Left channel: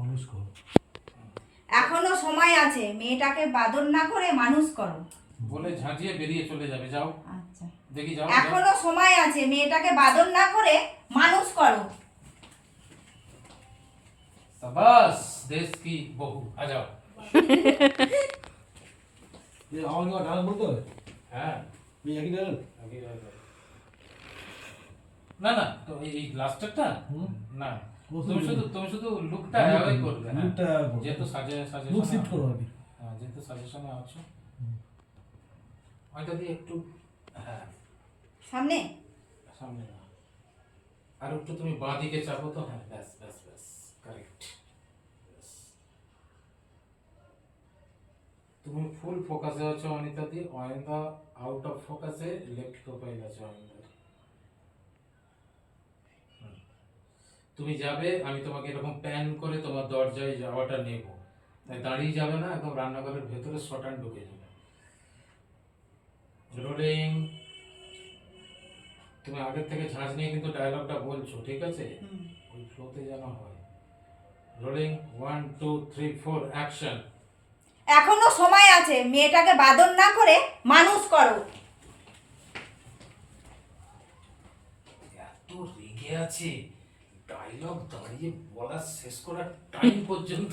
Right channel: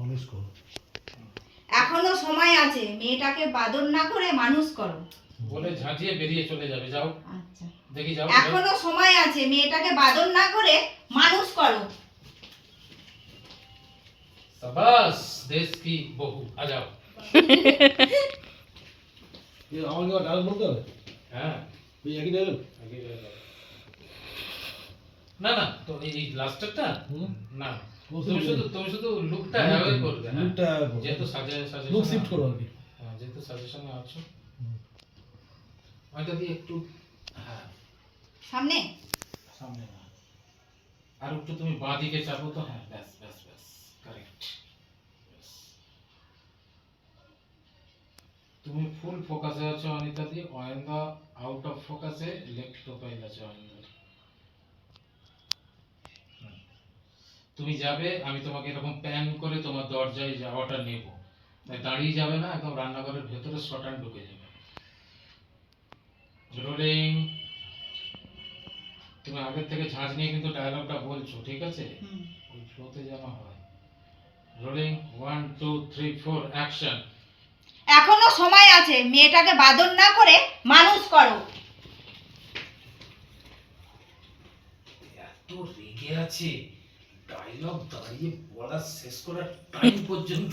মানুষ করো। এখনো সময় আছে, মেয়েটাকে বাদর না করে মানুষ করো। বলে ঝাঁঝিয়ে বেরিয়ে চলে যাবে, যাও আচ্ছা, দেখি যাও। এখনো সময় আছে, মেয়েটাকে বাদর না করে মানুষ করো। शाबाश देश की बहू, आ जाओ। এ আমার কি ডাল বলতে হবে? হ্যাঁ এই একই ডাল? আগে যাও। না না, তো এই লাস্টারটা না, তুমি শুধু লুকটা অ্যাভয়েড করবে। লুকটা যেহেতু সাজে লুক শিফট করো আর কি। হ্যাঁ, যেহেতু সাজেশনে আছো ওইটা দিয়ে একটু, হ্যাঁ সামনে সামনে না, আর একটু তুমি বাঁ দিকে চাপো তো। হ্যাঁ, ব্যাস ব্যাস ব্যাস, কারেক্ট। তুমি ফুল ফোকাসে আছো অনিতা দি, অয়নদা আউট অফ ফোকাসে, লেফট প্রোফাইল আছে অয়নদার। তুমি যাবে, আমি তোমাকে এরকম প্যান করে তোমার দরজায় যাওয়াটা নেব, তাই দাঁড়িয়ে যাবে না, একদম রান্নাঘরের ভেতরে শটান ঢুকে যাবে। রোলিং। তুমি আগের থেকে ঝাঁঝ নিয়ে কিন্তু ডায়লগটা বলছো, ঠিক আছে? ওই ফ্লোতে যেন হয়। Rolling 1 2 3 4 action. এখনো সময় আছে, মেয়েটাকে বাদর না করে মানুষ করো। এত রেগে আছে, ডায়লগ দাঁড়িয়ে বলা শেষ করার টাইম পর্যন্ত